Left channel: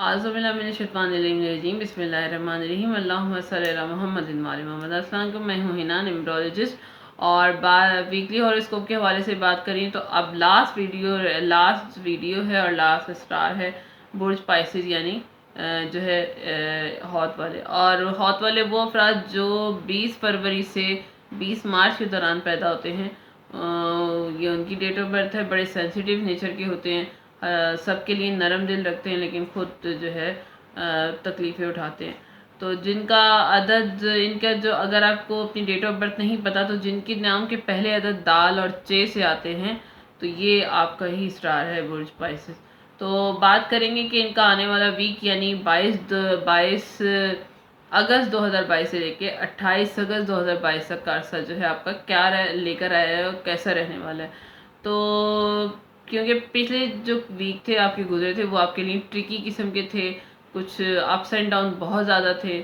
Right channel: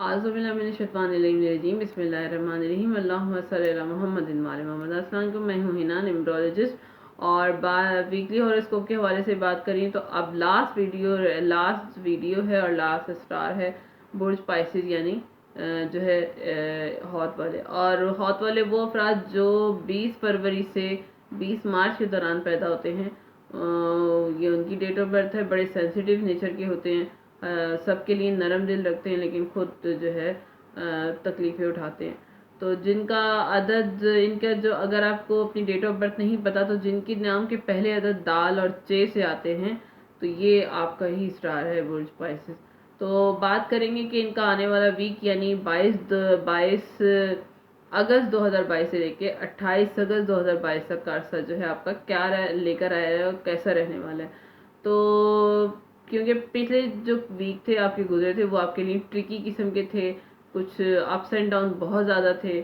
اعوذ باللہ من الشیطان الرجیم، بسم اللہ الرحمن الرحیم، اللہم صلی علی محمد وعلی محمد۔ السلام علیکم، میں ہوں ہنا نیمرولوجسٹ، اور ویکلی ہاروسکوپ کے حوالے سے بات کریں تو اب لاسٹ ویڈیو ہے اور لاسٹ اسٹار ہے برج پائسز، یعنی جو ہے ہاتھ والے، اور ہاتھ والے وہ افراد جو 20 فروری سے 20 مارچ کے دوران پیدا ہوتے ہیں۔ یہ ان کی ڈیٹ آف برتھ ہے، بڑے سینسیٹیو نیچر کے ہوتے ہیں، سب کے لیے نرم دل رکھتے ہیں، لیکن خود جو ہے تکلیفیں اٹھاتے ہیں۔ تو جن کا عدد، ان کا جو، اگر آپ کو اپنی ڈیٹ آف برتھ نہیں پتا تو جن کے نام کے پہلے عدد دال اور چے سے آتے ہیں تو یہ آپ کا ہی اسٹار ہے برج پائسس۔ تو بات کریں گے کہ ان کا آنے والا ویک، یعنی 22 اگست 2022 سے لے کے 28 اگست 2022 تک کا عرصہ جو ہے آپ کا کیا لے کر آیا ہے اور کیسا رہنے والا ہے۔ تو کیونکہ پچھلے جو ویک تھے آپ کے گزرے تھے وہ آپ کے لیے ٹرکی قسم کے تھے، کچھ اپس اینڈ ڈاؤن بہت زیادہ تھے،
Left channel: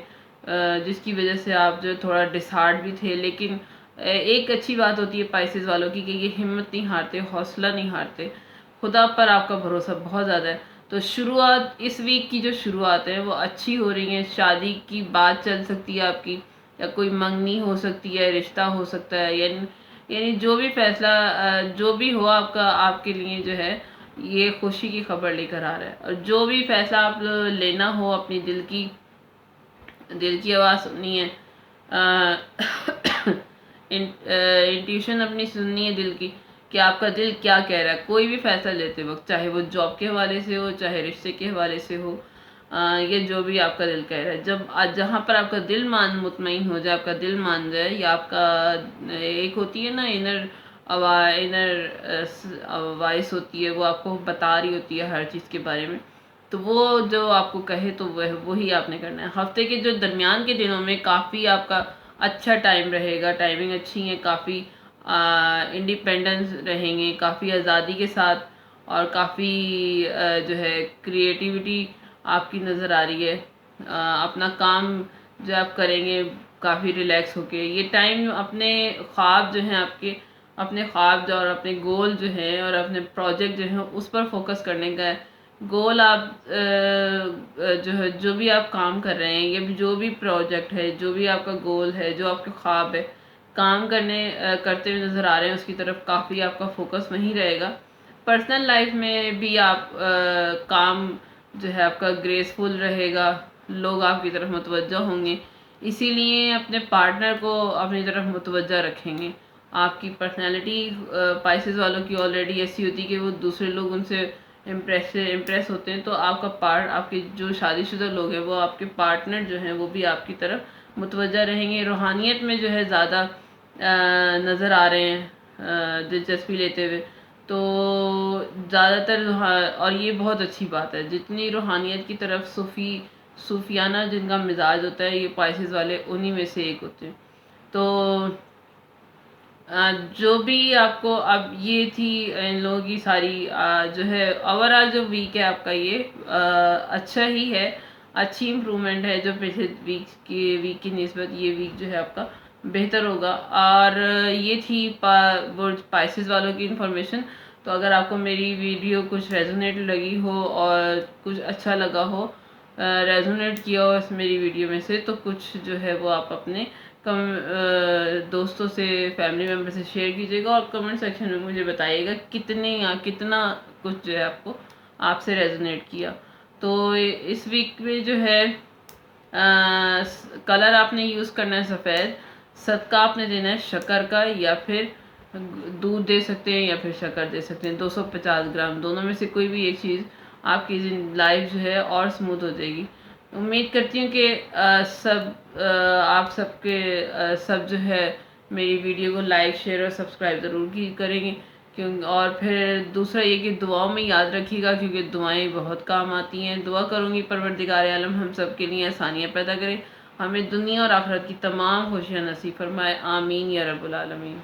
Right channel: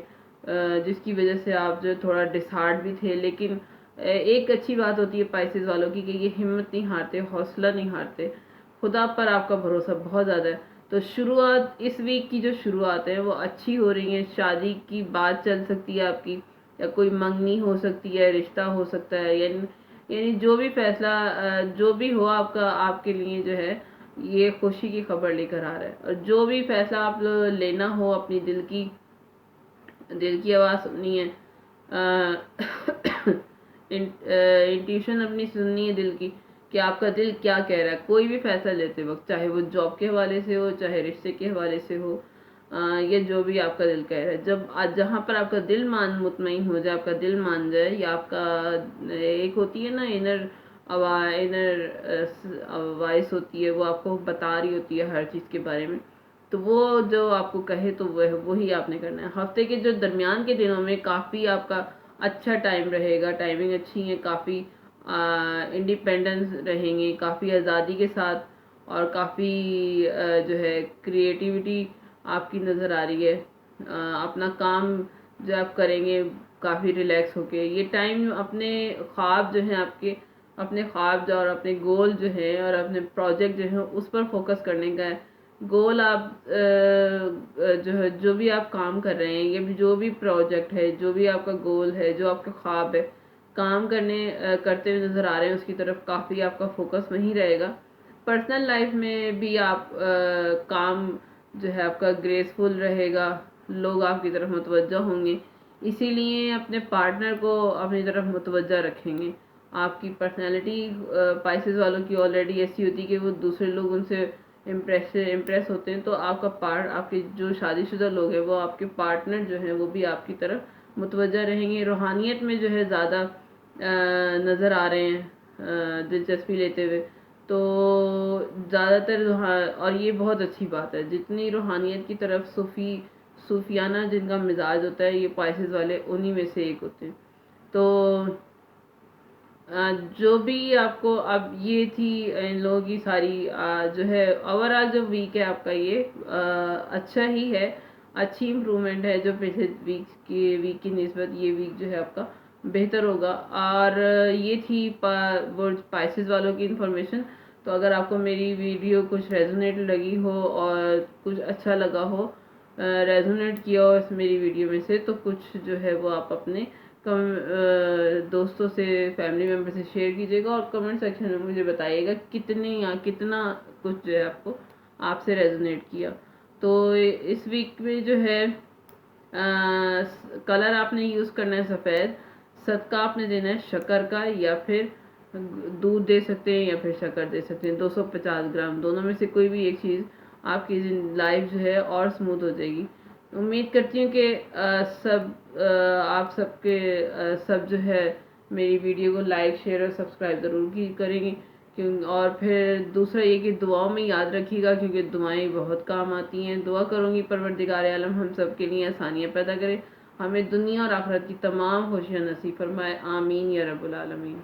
جس کی وجہ سے آپ جو تھوڑا ڈسہارٹ بھی تھے۔ لیکن ایک اچھی بات ہوتی ہے پائسز والوں کی کہ یہ ہمت نہیں ہارتے، حوصلہ نہیں ہارتے، خدا پر آپ کا بھروسہ بہت زیادہ ہے۔ تو شروعات، اس ویک کی جو شروعات ہے وہ اچھی ہو رہی ہیں، شادی کی بات چل سکتی ہے آپ کی، یا کوئی منگنی ہو سکتی ہے، رشتہ ہو سکتا ہے، یعنی جو بھی فیصلہ جو بھی ہو آپ کا، آپ کے لیے جو ہے یہ خوشی کی خبر لے کر آ رہا ہے۔ اور جو بھی فیصلہ آپ لینا ہو، اپنی دل کی آواز سننی ہے، انٹیوشن اپنی سننی ہے دل کی کہ آپ کا دل کیا کہہ رہا ہے کوئی بھی فیصلہ لیتے وقت، چاہے وہ جاب کے حوالے سے ہو، چاہے رشتے کے حوالے سے ہو، یہ جو بھی آپ کا دل کہہ رہا ہے، جب جہاں پر آپ کا دل مطمئن ہو جائے، آپ کا دل مان جائے، یا آپ کا ایک ہوتی ہے نا انر وائس ہوتی ہے، وہ آپ کو بتا رہی ہوتی ہے ہر چیز کے بارے میں، تو وہ جو آپ کو کہے تو وہی آپ نے کرنا ہے۔ ہفتے کے جو درمیان کے دنوں میں کافی آپ کا اچھا ٹائم رہے گا، ٹائمنگ اچھی ہے، کافی انڈیپینڈنس رہیں گے، کافی آزادی کے ساتھ، اور کافی جو ہے کریٹیوٹی آپ کی نظر آ رہی ہے۔ اپنا کام جو آپ کریں گے کافی ریلیکس ہو کے، یہ ٹائم اپنے خواب جو ہیں آپ کے، اپنے خواب جو اور اپنے گول جو ہیں اور اپنے پروجیکٹ جو ہیں اس پر فوکس کرنے کا ہے۔ گول آپ جو بھی آپ کام کر رہے ہیں، یہ جو بھی پروجیکٹ ہے، جو بھی آپ کا گول ہے، جو آپ کے خواب ہے، کام کرتے ہوئے نظر آ رہے ہیں، اس کی طرف کافی آپ کا فوکس وہیں رہے گا۔ پرسنل لائف میں بھی آپ کام جو ہے آپ کا گریسفل رہے گا، لوگ آپ کی طرف متوجہ ہوں گے، اسی لیے اپنے پارٹنر کو اپنی طرف متوجہ رکھیں گے۔ آپ کی پرسنالٹی پائسز والوں کی آلریڈی ایسی ہوتی ہے کہ وہ دوسرے لوگ ان سے امپریس ہوتے ہیں، تو آپ کے جو شادی شدہ لوگ ہیں، وہ آپ کے پارٹنر جو ہیں وہ بھی آپ کی طرف متوجہ رہیں گے، روحانیت میں جو ہے زیادہ نظر آ رہے ہیں، دلچسپی لیتے ہوئے۔ تو زیادہ تر اور یہ بہت اچھی بات ہے، جتنی روحانیت کی طرف صوفیانہ جن کا مزاج ہوتا ہے، یہ پائسز والے انہی میں سے ایک ہوتے ہیں۔ تو جو بھی آپ کو، اب یہ تھی ان لوگوں کی ساری جو ہے اوورآل جو ویک ہے آپ کا، یہ اچھا ہی ہے، اچھی امپرومنٹ ہے، جو پچھلے ویک کی نسبت یہ ویک جو ہے آپ کا بہتر ہوگا۔ اور یہ تھی برج پائسز والوں کی انفارمیشن۔ تو اگر آپ کو میری ویڈیو کچھ ریزونیٹ لگی ہو اور کچھ اچھا لگا ہو، ریزونیٹ کیا ہو اس میری ویڈیو میں سے، تو کچھ جو ہے وہ آپ اپنے دوستوں سے، فیملی ممبر سے شیئر کیجیے گا، اور کمنٹ سیکشن میں مجھے بتائیے گا کتنا کچھ جو ہے آپ سے ریزونیٹ کیا۔ تو اس ویک میں جو ہے کلر آپ نے یوز کرنا ہے سفید، صدقہ آپ نے دینا ہے شکر کا، یا پھر دودھ دے سکتے ہیں یا پھر شکر دے سکتے ہیں 250 گرام، دونوں میں سے کوئی بھی ایک چیز، آپ کی لائف جو ہے اور اسموتھ ہو جائے گی۔ امید کرتی ہوں کہ آپ سب جو ہے میری ویڈیو کو لائک، شیئر اور سبسکرائب ضرور کریں گے، اور پھر دوسرا یہ کہ دعاؤں میں یاد رکھیے گا، کیونکہ دعائیں بہت کام آتی ہیں۔ دعا کروں گی پروردگار عالم ہم سب کے لیے آسانیاں پیدا کرے، ہمیں دنیا اور آخرت کی تمام خوشیاں نصیب فرمائے، آمین یا رب العالمین۔